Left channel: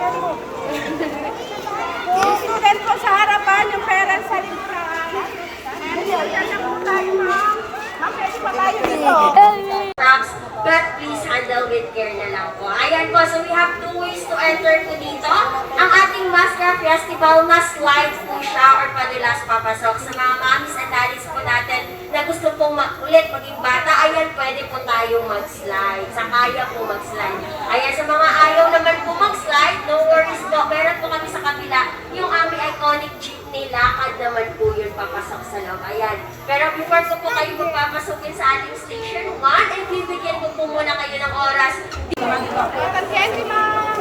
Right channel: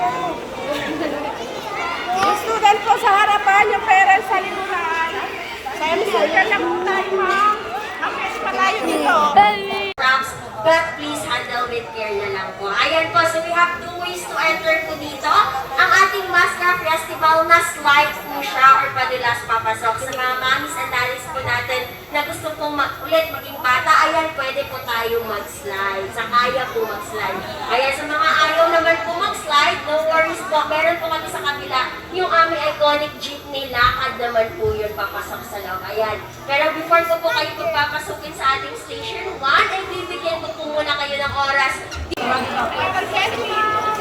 Yung student ko sa harapan, yung parents sa lipunan. Selfie ka na kung tayo, ma'am. Pwede pa tayo dito. But please handle with care na lang po. Ayan po, so we have 2 ways to enter to dito. Ang ating Mascara Festival, mas live po siya or padalas papasok. Sa mga mommies and daddies po natin na gusto pong ulit maging bata, ayan, pwede po tayong mag-slide. Sa kaya po mag-slide. Ayan, sa mga ayaw naman po mag-slide, no worries po. Meron po kami sa kabila yung aming iconic jeepney lakad naman po yun papasok sa loob. Ayan. Pero before po kayo magpapasukin sa ating station 1, ay bibigyan ko po muna kayo ng oras. Pagkenti, ma'am.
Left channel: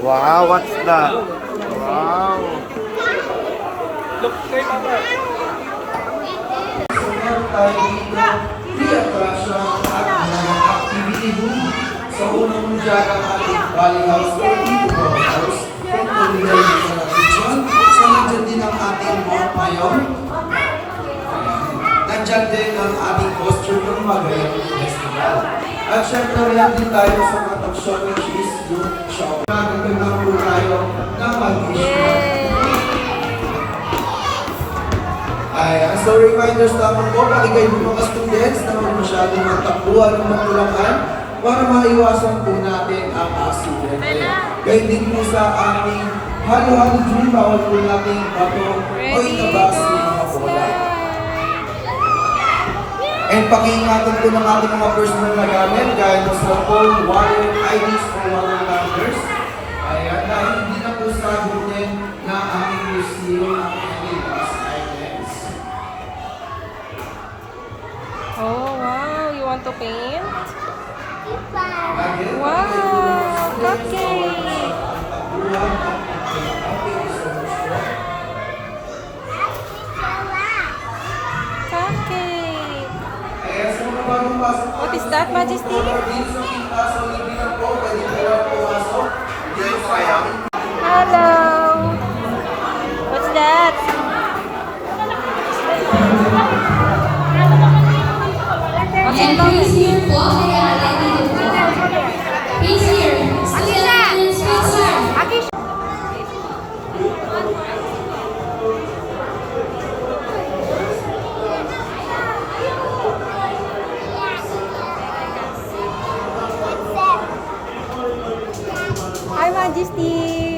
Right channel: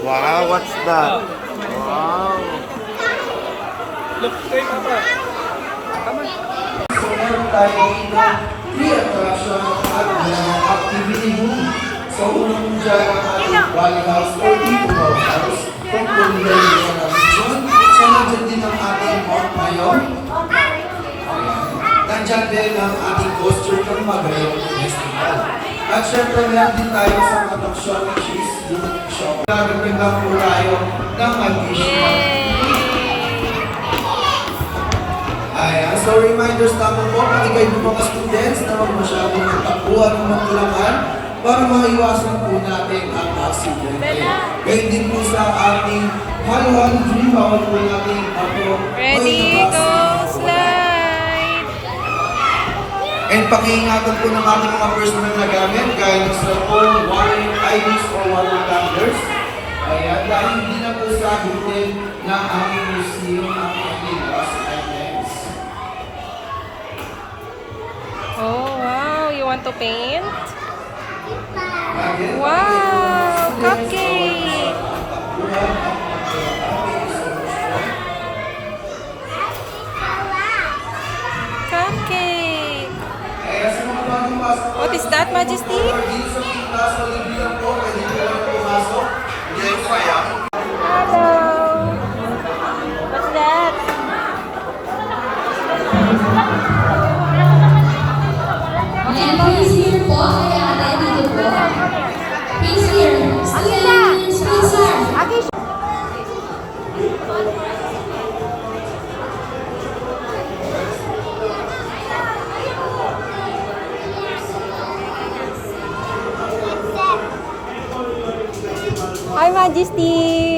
Wow, what's that? Wow. Look, hey, Papa. Meron tayo dito, free attraction at activity room. So, unang muna dyan ang ating Valley House or People House from Bolivar Region. So, nandiyan din ang ating Mount Mayon. Nandiyan din ang ating costume ng Magayon Festival. At syempre, meron din tayo sa Matang Shop, which is yung shop. Nagagandang po tayo ng additional. Ayan, so reminders naman po, pakikay po mga students na huwag masyadong magtakbuhan ng matulakan para maiwasan po natin ang aksidente. Gayun din po sa ating halo-halo dream, bawal po natin bato. Ready, go, slide! And pakiingatan po ng ating mga personal na gamit, gaya ng cellphone, wallet, IDs, or water tumblers. Ayan, dahil hindi na po sa atin na aming museum ang ating last items. Oh, wow. You want to paint? Wow! Cupcake! Cupcake! What is that, Majesty? Hello! What's that? Please here po, kaya ready po. Please here, students, Spencer. Hi, Majesty!